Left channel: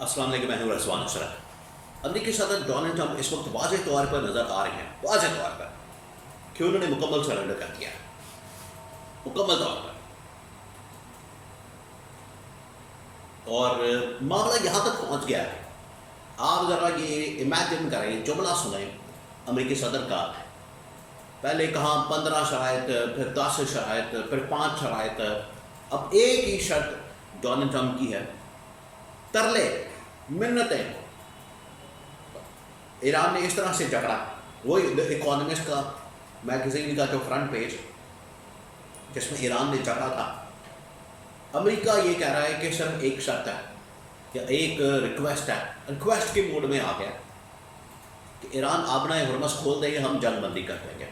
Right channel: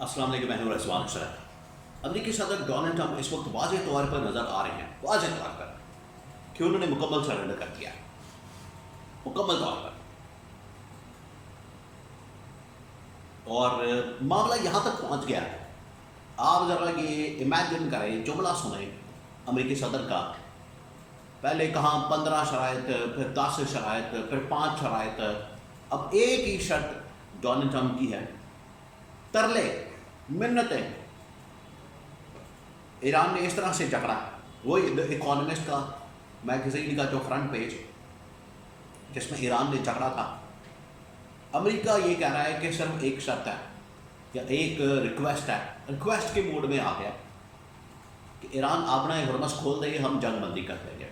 السلام علیکم، میں ہوں رضوان اشرف۔ امریکی صدر ڈونلڈ ٹرمپ اس وقت واضح طور پر نظر آ رہے ہیں، واضح طور پر کہ انہوں نے مکمل سرنڈر کر دیا، مکمل طور پر۔ اور معاملہ یہاں تک پہنچ گیا ہے، آپ ذرا یہ امیجن کریں، جملہ سنیں امریکی صدر کا، پہلے کہاں 15 شرائط، پھر 10 شرائط، پھر 5 شرائط، اب ایک ہی شرط ڈونلڈ ٹرمپ کی ہے، ترلے منتیں۔ ایران نے اس طرح سے جکڑا، وہی اکانومسٹ کا میگزین کا جو فرنٹ پیج جس میں ایران نے جکڑا تھا، امریکہ یہ کہہ رہا ہے کہ صرف ایک شرط ہے یا ایک ریکویسٹ ہے، ریکویسٹ کے موڈ میں آ گیا کہ ایران آبنہ ہرمز کھول دے گے، ہم جنگ بندی کر دیں گے۔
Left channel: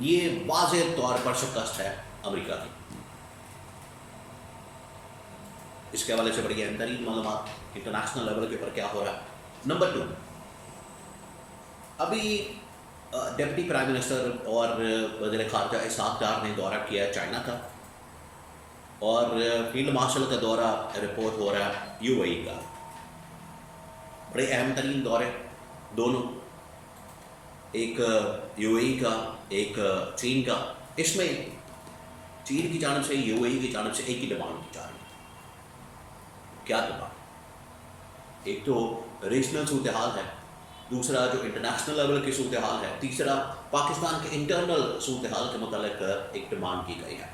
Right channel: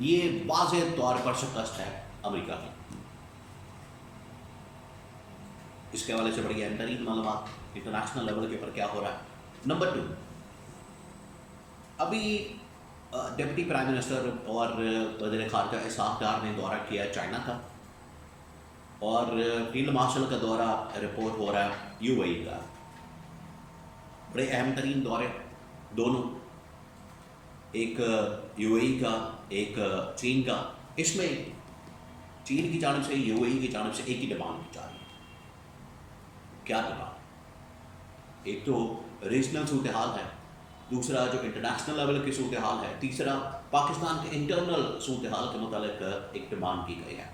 یہ واضح طور پر شکست ہے امریکہ کی۔ اس کے حوالے سے بڑی اہم ترین معلومات انٹرنیشنل لیول کے اوپر کیا ہو رہا ہے۔ نمبر 2، ابھی ڈپٹی پرائم منسٹر اور وزیر خارجہ اسحاق ڈار نے دورہ کیا چائنا کا، اور فیلڈ مارشل کا دورہ رپورٹ ہو رہا ہے یو اے ای کا۔ بڑے اہم ترین دورے دونوں، ایک یو اے ای کا، ایک چین کا۔ اس میں چین کی جانب سے، یو اے ای کی جانب سے ایک ہی ڈیمانڈ کی جا رہی ہے۔ کیا ڈیمانڈ؟ ایک تو ریجنل صورتحال ہے، دوسرا جو انٹرنیشنل لیول کی صورتحال ہے، تیسرا پاکستان کے انٹرنل صورتحال کے متعلق ایک ڈیمانڈ کی گئی ہے۔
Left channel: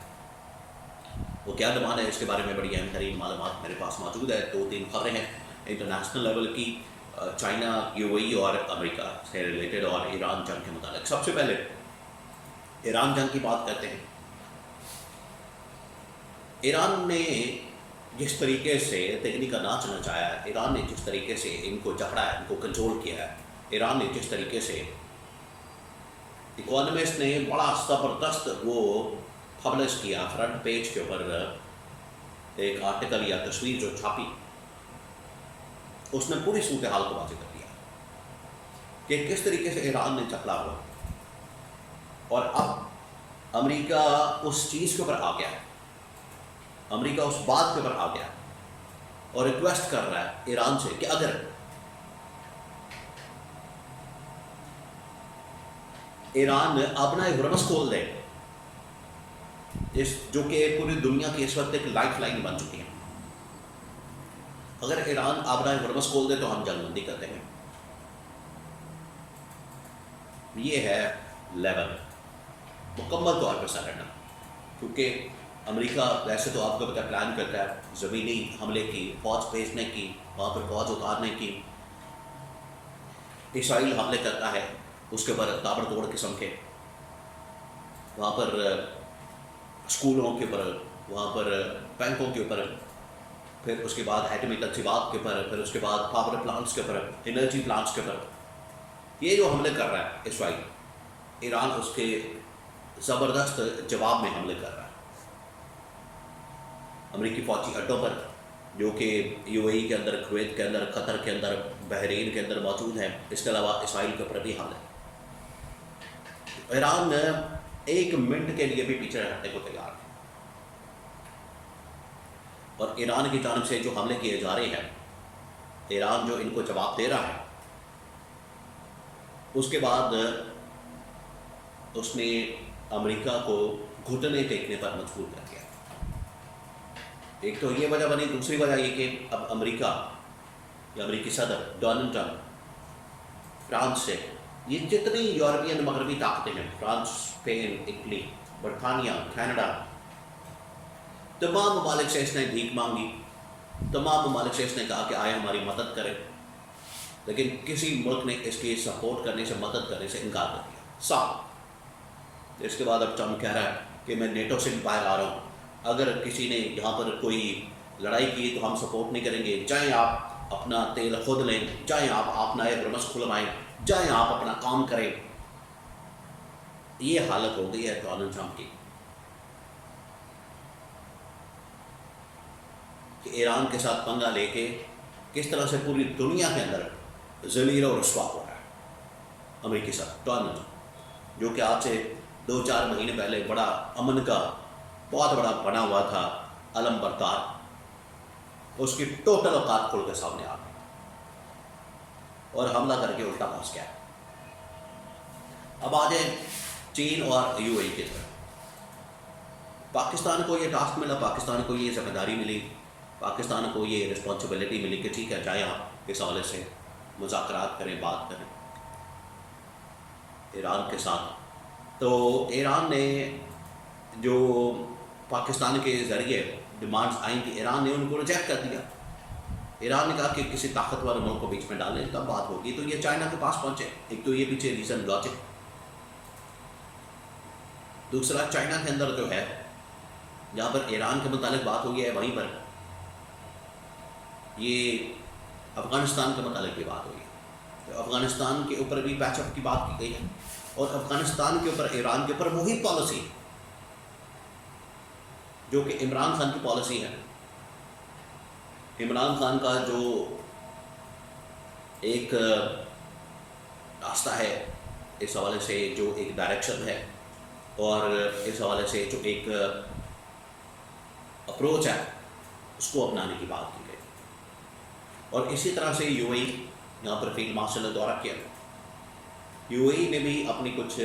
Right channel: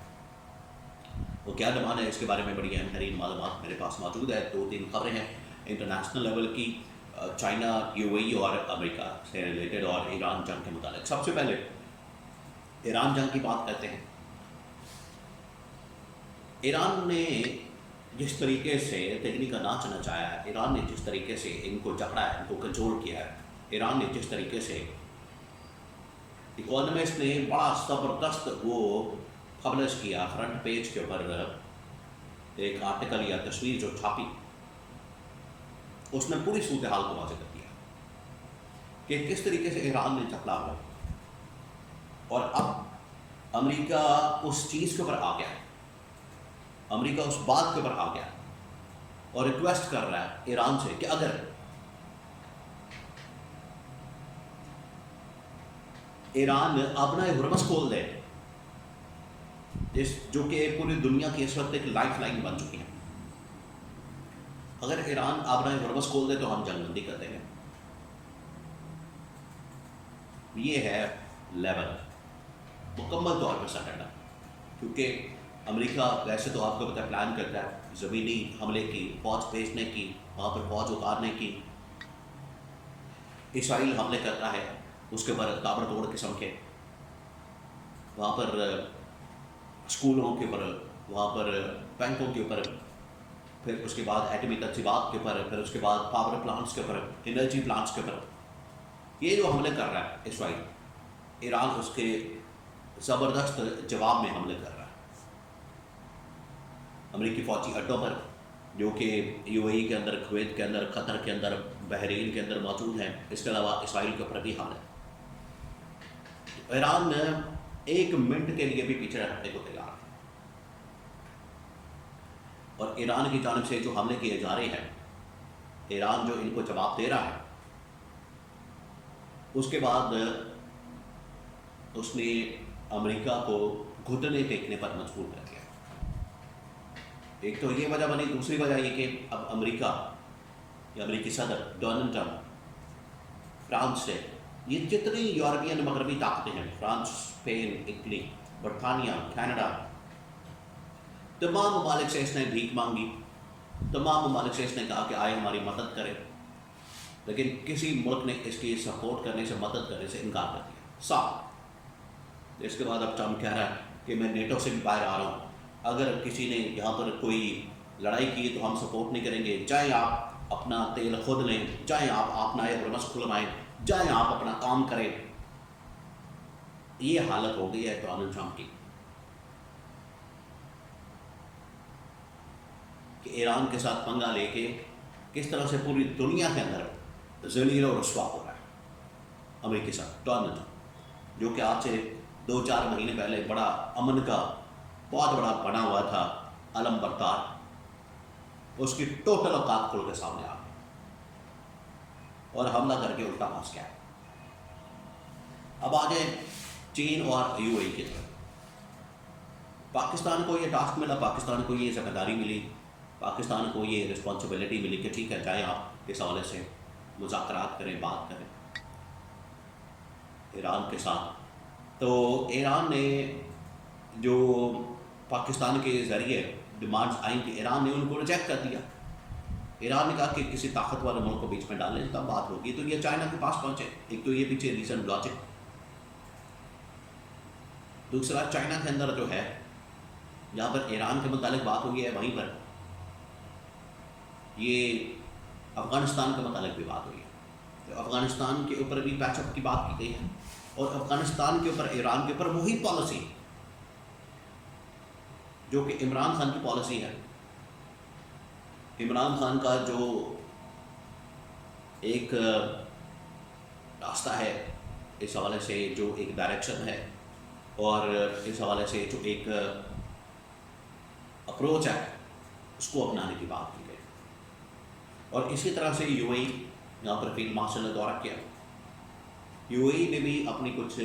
وہ کیا ڈیمانڈ ہے، اس کے بارے میں بڑی اہم ترین معلومات میرے پاس موجود ہے۔ 2-3 خبریں ہیں انٹرنیشنل لیول کی، چائنا، یو اے ای اور امریکہ سے ریلیٹڈ، اور ایران جنگ کے متعلق۔ سب سے پہلے ایران جنگ کی بات کرتے ہیں۔ ایران نے جس طریقے سے تکنی کا ناچ نچایا ہے، ایران نے جس طریقے سے ان کو جکڑا ہے، ان کو کنٹرول کیا ہے، ایران نے جس طریقے سے، اکانومسٹ نے بڑا زبردست وہ پبلش کیا فرنٹ پیج کے اوپر ایک آرٹیکل یا تصویر جو چھاپی، اس نے پوری صورتحال کو واضح کر دیا کہ کس طریقے سے ایران نے جکڑا ہوا، اور اب امریکہ اس چیز کے اوپر آ گیا، امریکہ اس بات کے اوپر آ گیا اور ریکویسٹ کر رہا ہے ایران سے کہ اگر ایران آبنہ ہرمز کھول دے، جو کہ پوری دنیا کی اس وقت ایک لائف لائن بن چکی ہے، اگر ایران آبنہ ہرمز کھول دے تو ہم جنگ بندی کر دیں گے۔ یہ ہے لیول، مکمل طور پر سرنڈر، کیونکہ امریکہ ویسے تو آپ کو پتہ پلان کرتا ہے زمینی حملے کی، فوج بھیجنے کی، وہاں پر فوج اتارنے کی۔ اسرائیل حملے کرتا ہے، اس کے اوپر تابڑ توڑ قسم کے، وہاں پر اسکولوں کے اوپر، وہاں پر بینکوں کے اوپر، پھر اس کے بعد ایٹمی تنصیبات کے اوپر، پھر اس کے بعد پاور پلانٹس کے اوپر، انرجی پلانٹس کے اوپر۔ یہ جو حملے کر رہا ہے اسرائیل، ایران اس کے زبردست جواب میں حملے کر رہا ہے امریکی فوجی اڈوں پر، جو کہ یو اے ای کے اندر، کویت کے اندر، قطر کے اندر، بحرین کے اندر موجود ہیں۔ اس کے علاوہ اسرائیل کے اوپر بھی حملے۔ ایران ایک منٹ کے لیے بھی پیچھے ہٹنے کو تیار ہے، اور ایران کی جانب سے جو حملے کیے جا رہے ہیں، ایران جو ان کو جواب دے رہا ہے، اس کے بعد اس نے امریکہ کو گھٹنے ٹیکنے پر مجبور کر دیا۔ ایک تو یہ وجہ بنی، دوسری وجہ یہ کہ اب امریکہ یا امریکی صدر ڈونلڈ ٹرمپ فرانس سے، یہ جتنی یورپین مغربی طاقتیں ہیں، فرانس، اسپین، اٹلی، برطانیہ، کینیڈا، تمام ممالک سے اس نے بھیک مانگی، تمام ممالک سے اس نے کہا کہ آئے ہماری مدد کریں، لیکن کسی ملک نے اس کی سپورٹ کرنے سے، مدد کرنے سے انکار کر دیا، صاف۔ اس کے بعد اب ٹرمپ کہہ رہا ہے کہ میں نیٹو سے بھی باہر آ رہا ہوں، اگر کسی نے یہاں پر کوئی لڑائی کی تو ہم سپورٹ نہیں کریں گے، جائیں آپ اپنا تیل خود لیں، جائیں آپ آبنہ ہرمز کھلوائیں، جائیں آپ اپنا کام کریں۔ یہ حالت ہو گئی ہے ڈونلڈ ٹرمپ کی کہ ایران کے ساتھ پنگا لے کے کس طرح سے پوری دنیا کے اندر ذلیل و رسوا ہو رہا ہے امریکی صدر ڈونلڈ ٹرمپ، جو کہ آج سے 2-4 مہینے پہلے بڑا امن کا بہت بڑا بنا ہوا تھا علم بردار، اس کی ٹوٹل اوقات کھل کے سامنے آ گئی۔ اور حملہ کر کے الٹا پھنس گیا. اب آ جائیں چین اور یو اے ای کی طرف. پاکستان کو یہ ٹاسک ملا, پاکستان کو یہ ذمہ داری ملی, پاکستان کو یہ رسپانسبلٹی ملی کہ ٹھیک ہے جائیں آپ اس حوالے سے مذاکرات کریں, بات کریں ایران کے ساتھ. تو ایران نے جو پاکستان کے ذریعے ڈیمانڈز آئیں تھیں, ایران نے ان کو ریجیکٹ کر دیا. ایران نے کہا کہ کسی طاقتور ملک کو بیچ میں ڈالیں تب بات ہوگی. تو یہ چائنا کے پاس پہنچے. ایک تو یہ پیچھے ریزن لاجک, دوسرا چائنا کے اندر جو ہے جہاں پر ایران کے متعلق بات ہوئی ہے وہیں پر یہ افغانستان کے متعلق بھی بات ہوئی ہے. تو افغانستان کے اوپر بھی پیچ اپ کی بات کی گئی ہے, اور افغانستان کے اوپر ایران کے اوپر وہی پالیسی جو کہ عمران خان کی پالیسی ہے. عمران خان کا جو ایک راستہ ہے اس حوالے سے, جو ایک ڈائریکشن ہے, اور اس حوالے سے جو ایک اپروچ ہے اس کو اپنانے کی بات کی گئی. اور اسی طرح سے یو اے ای یہاں پر فیلڈ مارشل نے دورہ کیا. یو اے ای نے بھی اپنی کچھ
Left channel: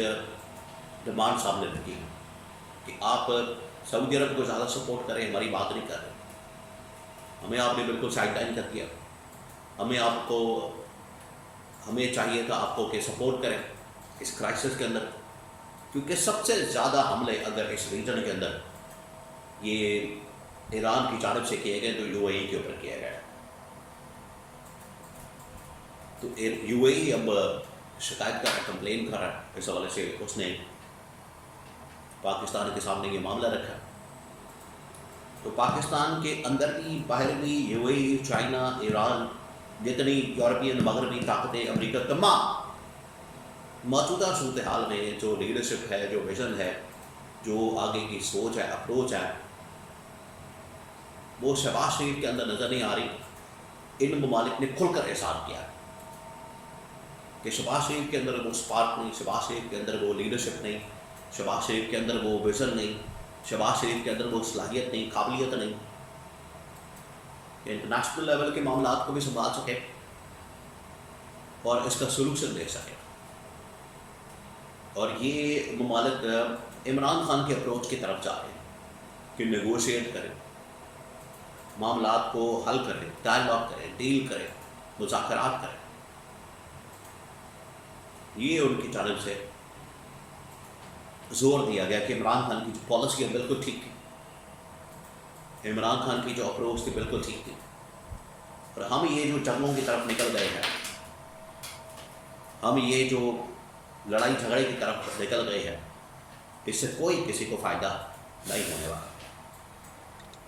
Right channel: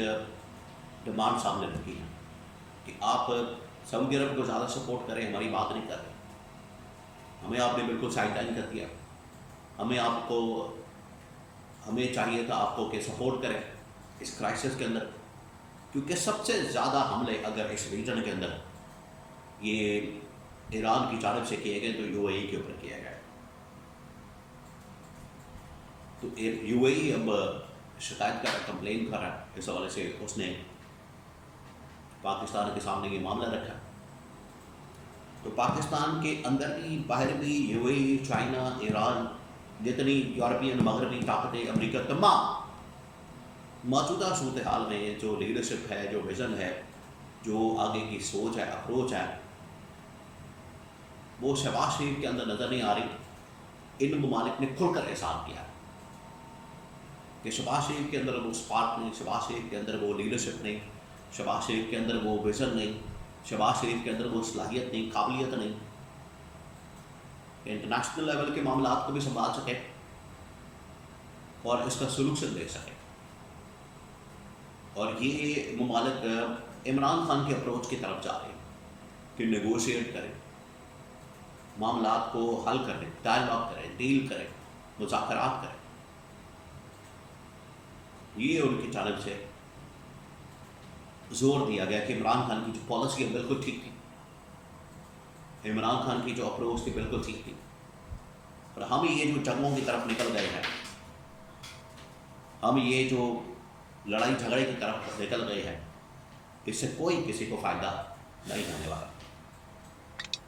ڈیمانڈ سامنے رکھی ہیں کہ آپ سعودی عرب کو زیادہ سپورٹ کریں, ہماری بات نہیں کر رہے, ہمیں آپ نے بالکل سائڈ لائن کر دیا. ہمیں چاہیے تھا آپ کو کہ سپورٹ کریں اس کرائسس کے اندر, کیونکہ سب سے زیادہ حملے اگر اس ریجن کے اندر یہ ایران کی جانب سے کیے گئے تو یو اے ای کے اوپر کیا گیا. تو یو اے ای اب شکایت کر رہا ہے, کمپلین کر رہا ہے اس حوالے سے. اس نے پاکستان کے سامنے یہ معاملہ رکھا. تو پاکستان کے اندر بھی باہر بھی you a E, China, Iran, جتنی یورپین مغربی طاقتیں, امریکہ, تمام موجودہ صورتحال میں جو لیڈرشپ ہے, جو ویژن ہے, جو آگے کی سوچ ہے, اپروچ ہے, وہ شہباز شریف کے اندر نظر نہیں آ رہی. ان ممالک نے کھل کر احساس کیا کہ شہباز شریف کے اندر وہ سپارک نہیں, شہباز شریف کے اندر وہ لیڈرشپ نہیں, شہباز شریف کے اندر وہ ویژن نہیں, شہباز شریف کے اندر وہ صلاحیت نہیں, قابلیت نہیں کہ انٹرنیشنل لیول کے معاملات کو بھی سنبھال سکے اور اس کا سلوشن دے سکے. اور یہ ممالک عمران خان کے اپروچ کی طرف جا رہے ہیں کہ نیگوشیٹ کریں, معاملات کو حل کریں, ڈائلاگ کریں, ڈیل کریں, مذاکرات کریں. یہ ان کی جانب سے زور دیا گیا کہ عمران خان کی جو پالیسی ہے بالکل ٹھیک تھی, عمران خان کی جو اپروچ تھی بالکل ٹھیک تھی. اور ہم یہ جو جنگوں کی طرف نکل گئے ہیں, ہم یہ جو لڑائی جھگڑے کی طرف نکل گئے ہیں, اس سے کوئی کسی کو فائدہ نہیں ہونے والا.